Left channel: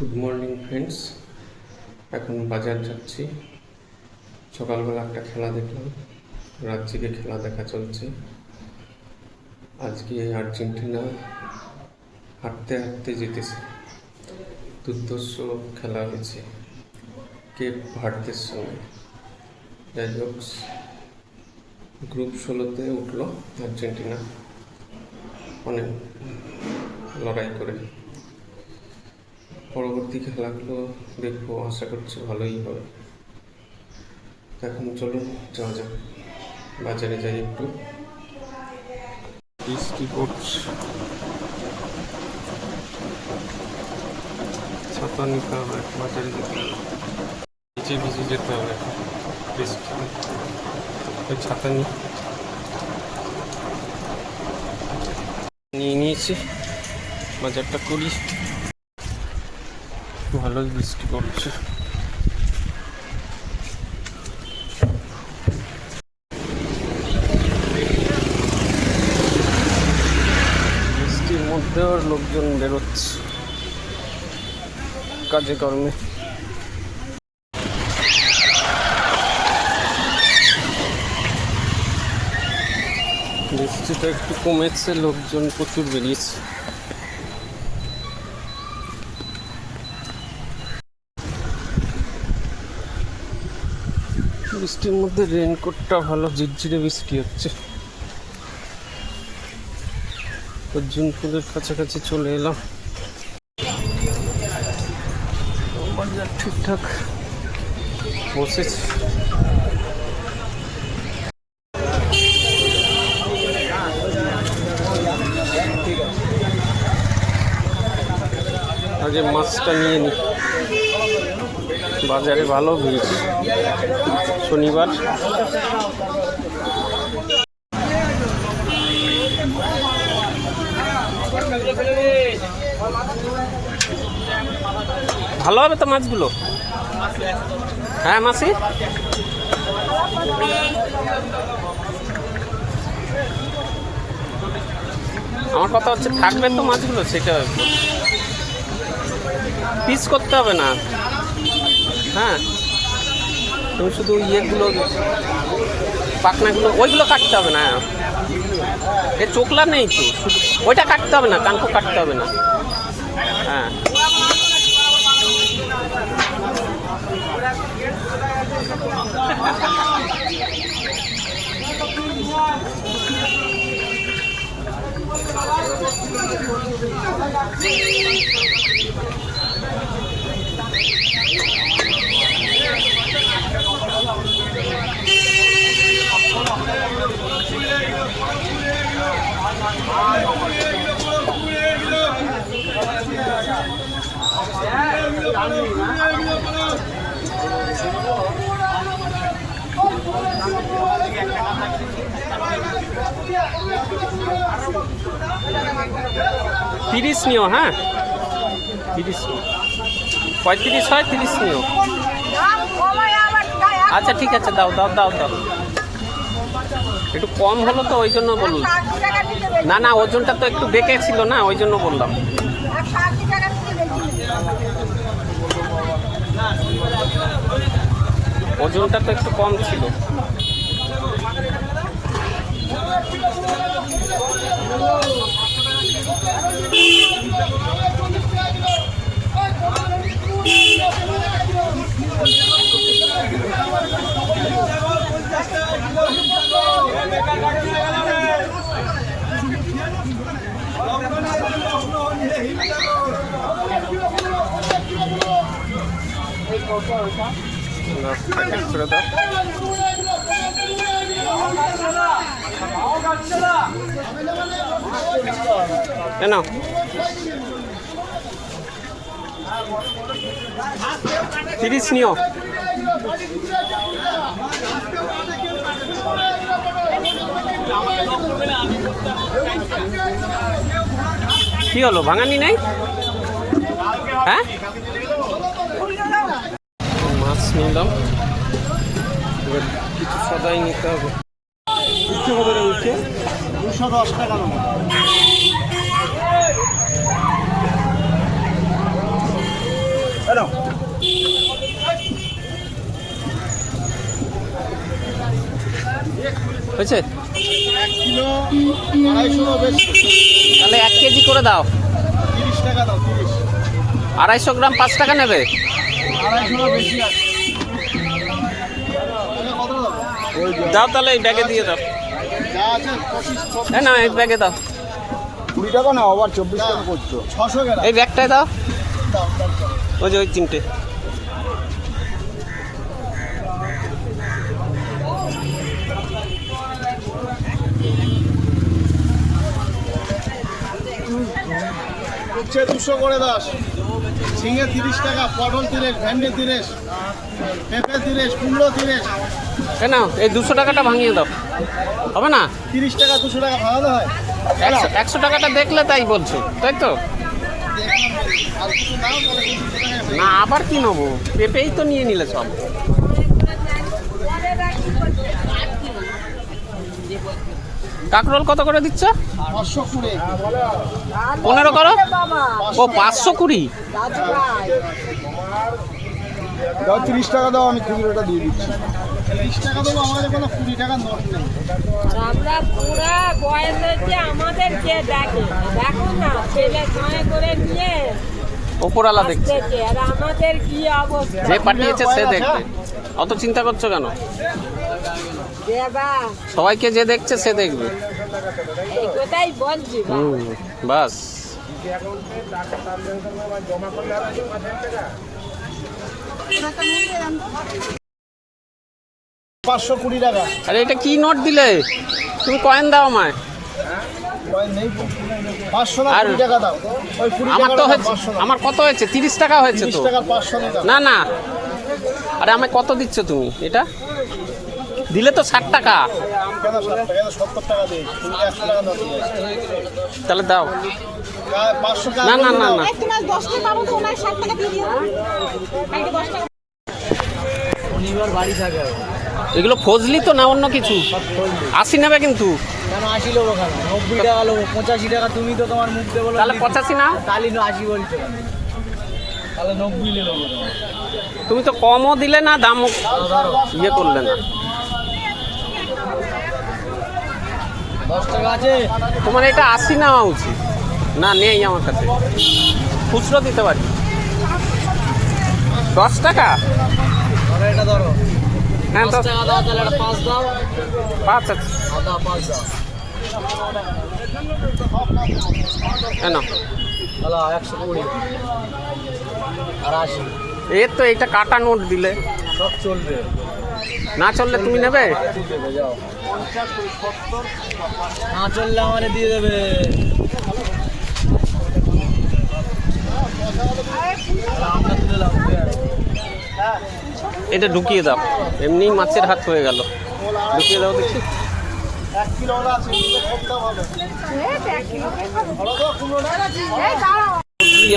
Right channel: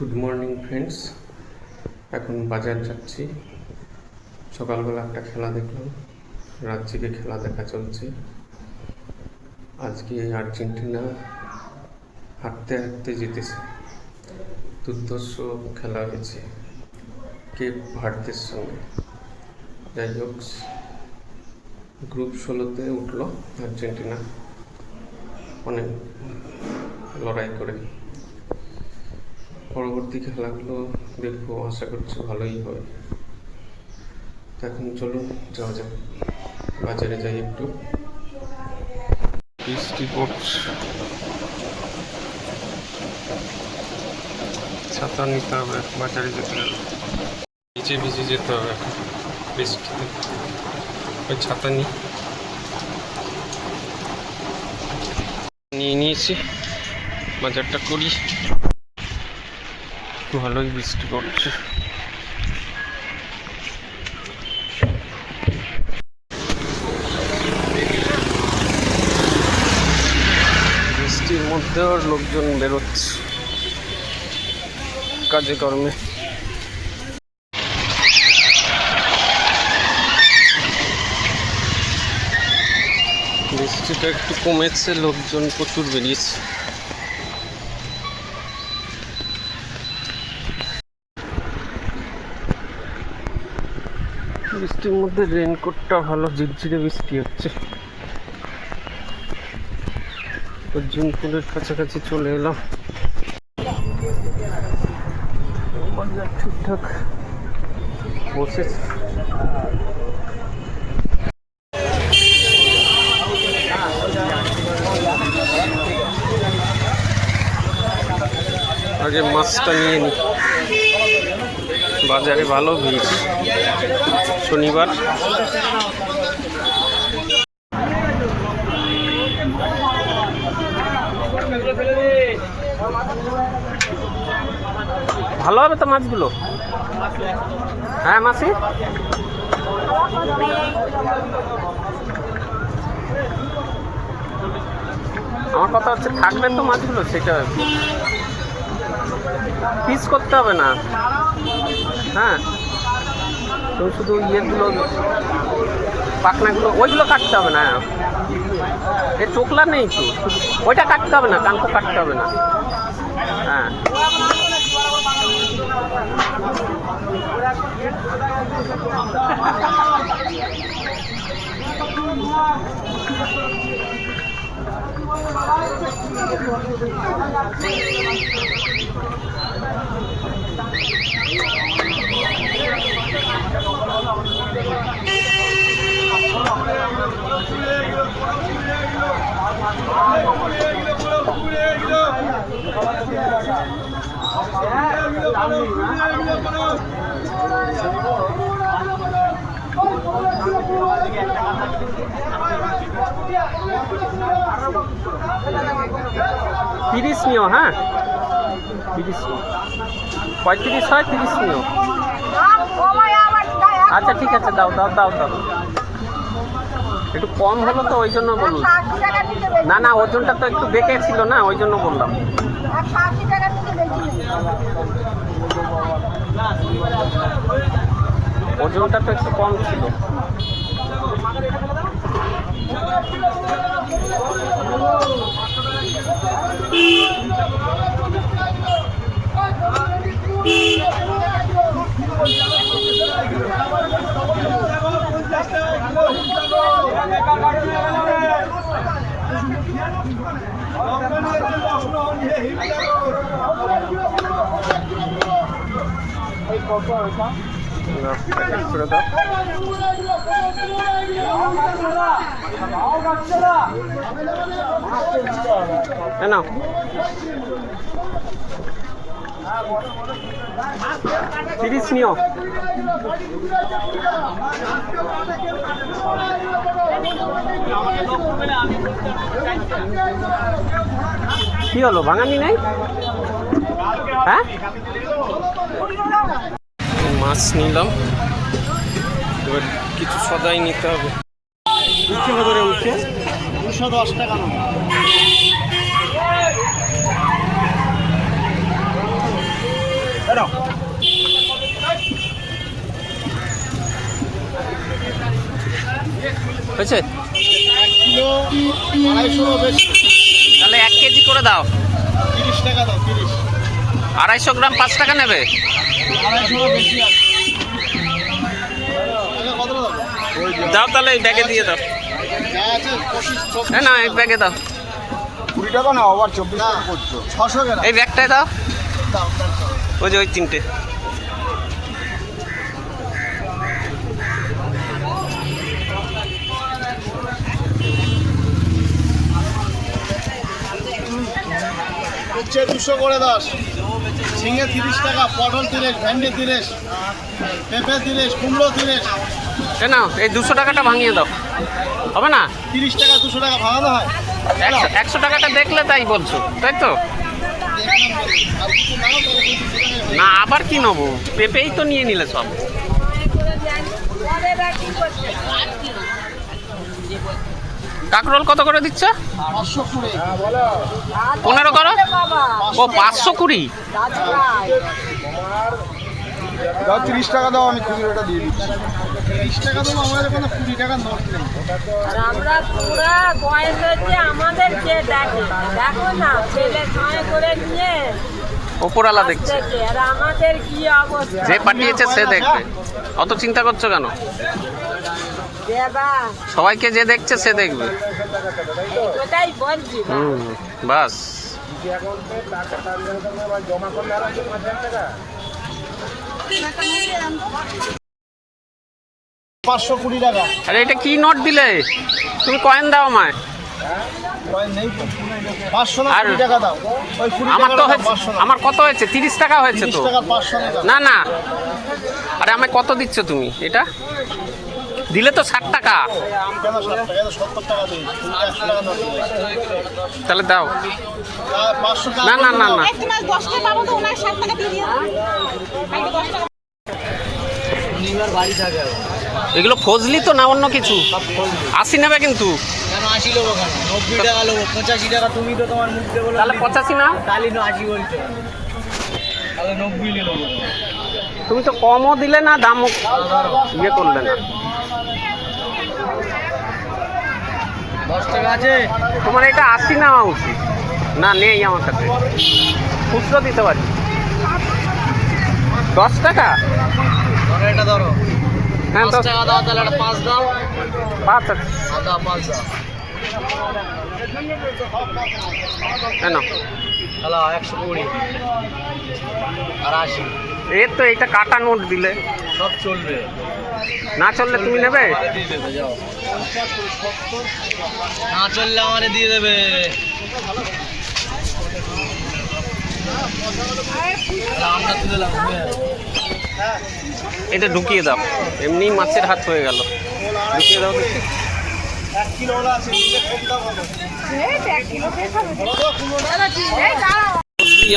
Good morning friends. এখন বাজার যাচ্ছি। সকালবেলা একটা খেলা দেখলাম, রাত জেগে খেলা দেখা চলছে। আজকে আর্জেন্টিনা হাঁটতে হাঁটতে জিতেছে। দুর্ধর্ষ খেলা হয়েছে কেপ ভার্দের সঙ্গে। যাই হোক, গ্রুপ 16-তে উঠলো আর্জেন্টিনা অনেক লড়াই করে। পরবর্তী খেলাগুলো দেখবো, আশা করছি ভালোই হবে। এখন চলুন যাওয়া যাক, বাজারে যাই একটু। বৃষ্টি পড়ছে, ছাতা নিতে হবে, বাজারে যেতে হবে। ভিজে ভিজে যেতে হবে এখন বৃষ্টিতে। ওই ছাতা নিয়ে নিয়েছি, বাজারটা করি। ভালোই বৃষ্টি পড়ছে। বৃষ্টির মধ্যেও লোকজন বেরোচ্ছে কাজে কর্মে। বৃষ্টিটা একটু কমেছে, লোকজন প্রচুর বেরিয়েছে। বৃষ্টির মধ্যে রেইনকোটটা ভালো, ঝিরঝিরে বৃষ্টি হচ্ছে। অর্জুনপুরের কাছাকাছি চলে এলাম। বাজার ঠিকঠাক বসেছে। আগে মাছটা নিয়ে নি, বাজারে ভালো ভিড় শনিবার। ভালো হবে তো মাছগুলো? হ্যাঁ মাসি, আমার কথা হচ্ছে থাকবে তো মাছগুলো, সেটা পিস করতে হবে না। হ্যাঁ, তুমি শুধু ইয়েগুলো, পাখনাগুলো, ওইগুলো কাটতে হবে না। এ চোখলা নেই তো, শুধু ওইটা কাটতে হবে না, কাঙ্ক কাটতে হবে না। হ্যাঁ, তিরিশ নিও। হ্যাঁ 30 নিও, 35 হয়, 30 নিও। আচ্ছা ঠিক আছে, দাও দাও দাও দাও। একটু কম হলো তো, ওই জন্য বললাম। না না, ওজনটা তো একটু বেঁকে ছিল না, ওই জন্য বললাম। ওজনটা তো একটু কম ছিল। প্যাকেট করে দাও। না 30 নিও। কি হলো, ভাঙানি নাই? হ্যাঁ, মাছ নিলাম, এবার কিছু সদাই নিতে হবে। 210 টাকা। হয়েছে? 1 কিলো 250 বেশি। তাহলে 1 কেজি করে দাও। 30 টাকা দাও, 30। 250 গ্রাম 5 টাকা নেবে? 250 বেশি আছে। তাহলে কত দাও? দাও তাহলে এই ব্যাগে দিয়ে দাও। যা আছে 25 না না এই ব্যাগে দাও। 20 টাকা না, আবার 24 টাকা করছো। 600 গ্রাম এই ব্যাগটায় দাও। দাও। ওই যে ওই 3টে। হচ্ছে 200 করে 10। ঝিঙে 30 টাকা, পটল 30, ভেন্ডি 30, পেঁপে 30, কুমড়ো 30। না এই 200 টাকাটা ভাঙিয়ে দাও। হবে না? 30 টাকা 200 টাকা ভাঙানো হয়। 100 টাকাটা দেখলে তাই বলছো, তাই তো? দেখলাম বলি। আর কিছু নাও তাহলে 200 টাকা। না আবার কি নেবো? পেঁপেই তো নিয়ে নিলে সব। কাঁকরোল কত করে দিচ্ছ? 520। 15 করো। ও 520। দাও 30 টাকা দাও, আমি খুচরোটা দিয়ে দিচ্ছি। 30 টাকা দেবো, আমাদের কোনো 20 টাকার নোট নেই। আমরা পুরো বয়সে আমাদেরকে দেখো দেখো না, ছেলে ছয় করে নিয়ে ওপরওয়ালা দেখছে, আসতেছে, আর আমাদের কি অবস্থা যে পাঠিয়েছে সে দেখবে। অত চিন্তা করছো কেন? দেবা সবাইকে যে দেখছে সে দেখবে। কোথায় বলছি বাস। 520 টাকা। আরে এটা কি নোট দিলে? তুমি কয়েন দাও আমায়। কয়েন নেই তো। 500 না আর 20 টাকা দাও। ওই 20 আমার টাকা তো দাও, হয়েছে, 500 না। আমার কত হয়েছে? 30 টাকা হয়েছে 30 তো। টাকা 500 না দাও। না না, আরে আমায় কত দিচ্ছ তুমি? এটা দিলে তো 60 টাকা। কেন 60 টাকা? 70 টাকা দিই। তুমি 100 টাকা নোট দিবে। তাহলে দাও। 500 টাকা। না না না না, শনিবার বাড়ি থাকে। এগুলো ফজলি তো না অন্য কিছু? 80 নেবে কিন্তু। কেন 80 লোক ওখানে? 90 টাকা লোক, 85 টাকা। তুমি তো তোমার মুখ দিয়ে বলো তাহলে 85 না? তাহলে 80 বলছো। তাহলে 90 নিয়ে নেবো। তুমি তো কমও দিলে না, দামও ইয়ে করলে না। 10 টাকা আছে। তোমার এটা 80 নেওয়া উচিত। না নেই আমার কাছে, খুচরো দিতে পারি। 10 টাকা? ধরো এটা ধরো। হ্যাঁ 10 টাকা দাও, তাহলে একটা 5 দাও। 5 আছে। আদা 5 দাও। না হ্যালো 120 আর 80। এর তো এটা কাটা নোট দিলে সব চলবে। না চললে তুমি নেবে? দিয়ে দেবে, যাও। না চললে আমারে দিয়ে দেবে। আমরা তুলে দাও। এটা ঢুকিয়ে দাও, এমনি মাছের হাত হয়ে গেল। ঢুকিয়ে দাও দেখি। 1 কিলো ওলা আছে, নিলে কম দাম হবে।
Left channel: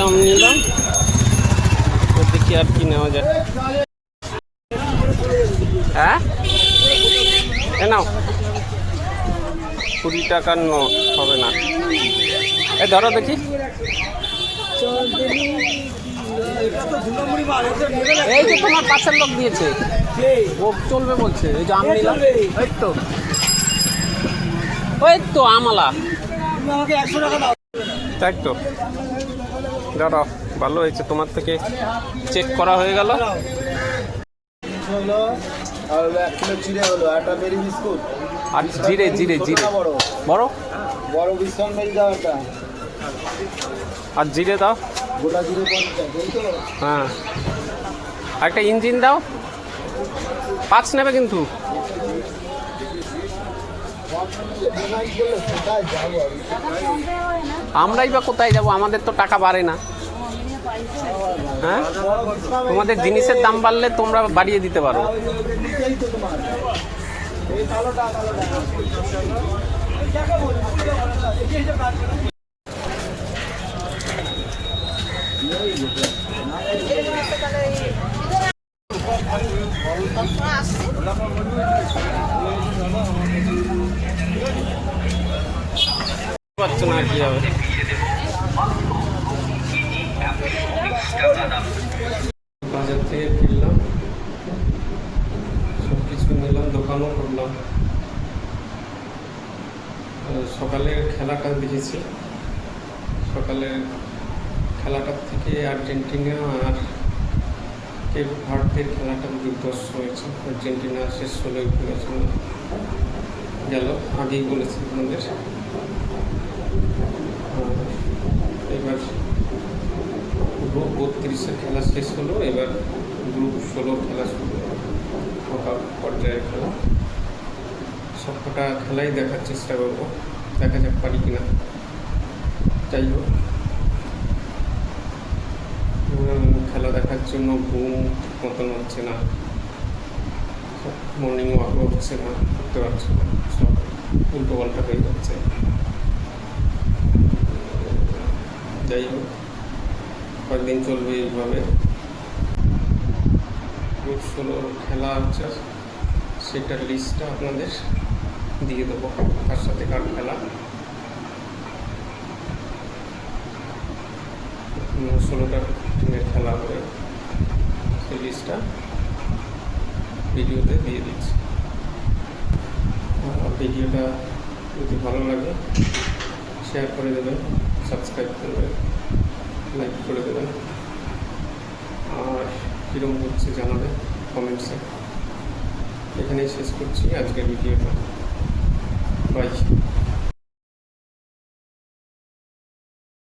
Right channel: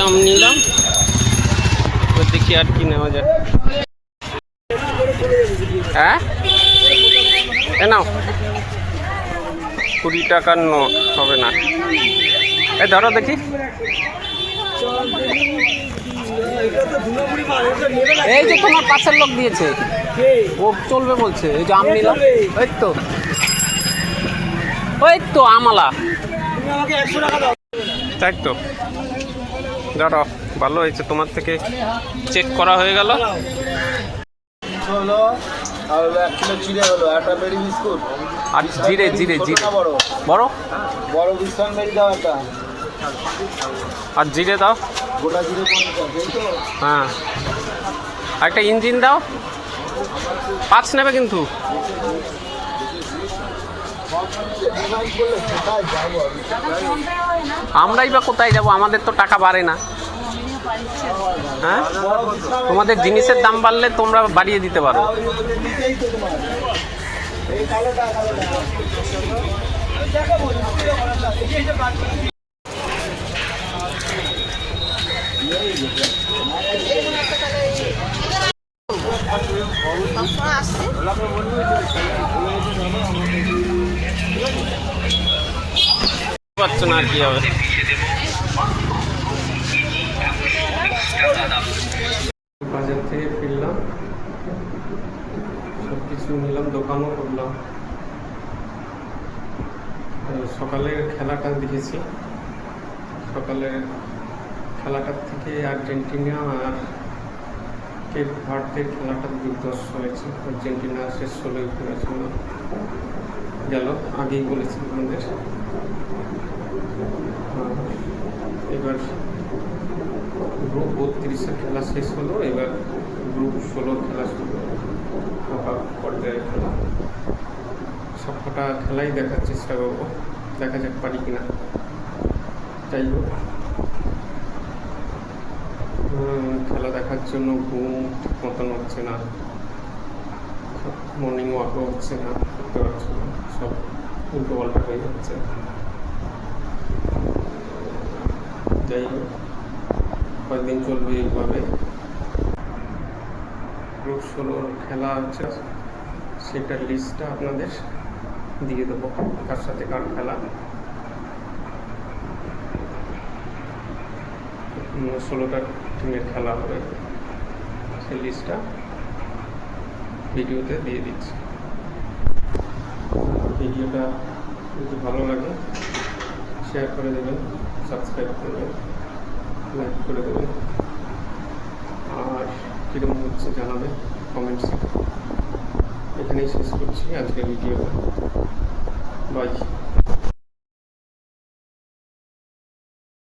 আম নিলাম, এবার দেখি আর কি নেওয়া যায়। হ্যাঁ এ নাও, 20 টাকার নোট হবে না। এ ধরো দেখি। এই যে তোমার পাশের লোক দিয়েছে, ও চলবে বলছে। এই যে আম নিলাম, ওই তো আমলা। আমাকে 100 টাকা দাও। তাই তো, ধরো ভালো হয়েছে, তোমার থেকে চেক করা হয়ে গেল। হলো আর 1 কিলো চিড়ে হলো, একটা মেরি বিস্কুট আর জিরে জিরে জিরে বড় বড় বড় বিস্কুট মেরি দাও একটা। আর জিরে দাও। গোটা জিরে 50, এই তো। হ্যাঁ আর একটা ইঞ্জিন দাও। 5 নেবে কিন্তু। ডিমান্ড করলে কোথায় যাবো আমি? আমরাই বা কোথায় যাব? আমাদের তো টাকা বাড়ে না। হ্যাঁ বড় বিস্কুট তোমাদের জিনিসের দাম বাড়লে তোমরা বাড়িয়ে দিতে পারো। নিতেই তো তোমার। এই কালোটা পারছো না আর কি হবে। সকালের খেলাটা দেখেছি। সকালের খেলাটার থেকে আর্জেন্টিনা আর কেপ ভার্দের খেলাটা দুর্ধর্ষ হয়েছে। আর্জেন্টিনা শেষ 16 উঠে গেছে গেল, আগেই বলেছি আপনাদের। এবার গ্রুপ 32-এর খেলা শেষ হলো, এবার গ্রুপ 16 খেলা শুরু হলো, নকআউট পর্যায়ের খেলা। সবকটা খেলাই দেখার চেষ্টা করবো, দেখা যাক পারি কিনা। যাই হোক, খেলা দেখার জন্য ঘুম ঠিক মতন হচ্ছে না, মর্নিং ওয়াকও হচ্ছে না, করতে পারছে না, সব উল্টো পাল্টা হয়ে যাচ্ছে। যাই হোক, কয়েকদিন চলবে এইভাবে। গ্রুপ 16 খেলা হচ্ছে, সেটার লিস্টটা আপনাদের দিয়ে দেবো, কার সাথে কার খেলা। 16টা টিমের খেলা হবে, সেই লিস্টটা ভিডিওতে দিয়ে দিচ্ছি। ভিডিওটা যদি ভালো লাগে শেয়ার করে দেবেন, সাবস্ক্রাইব করবেন, লাইক করে দেবেন, আর কীরকম হচ্ছে জানাবেন কমেন্টসে। এখানেই শেষ করছি আজকের ভিডিওটা। বাই।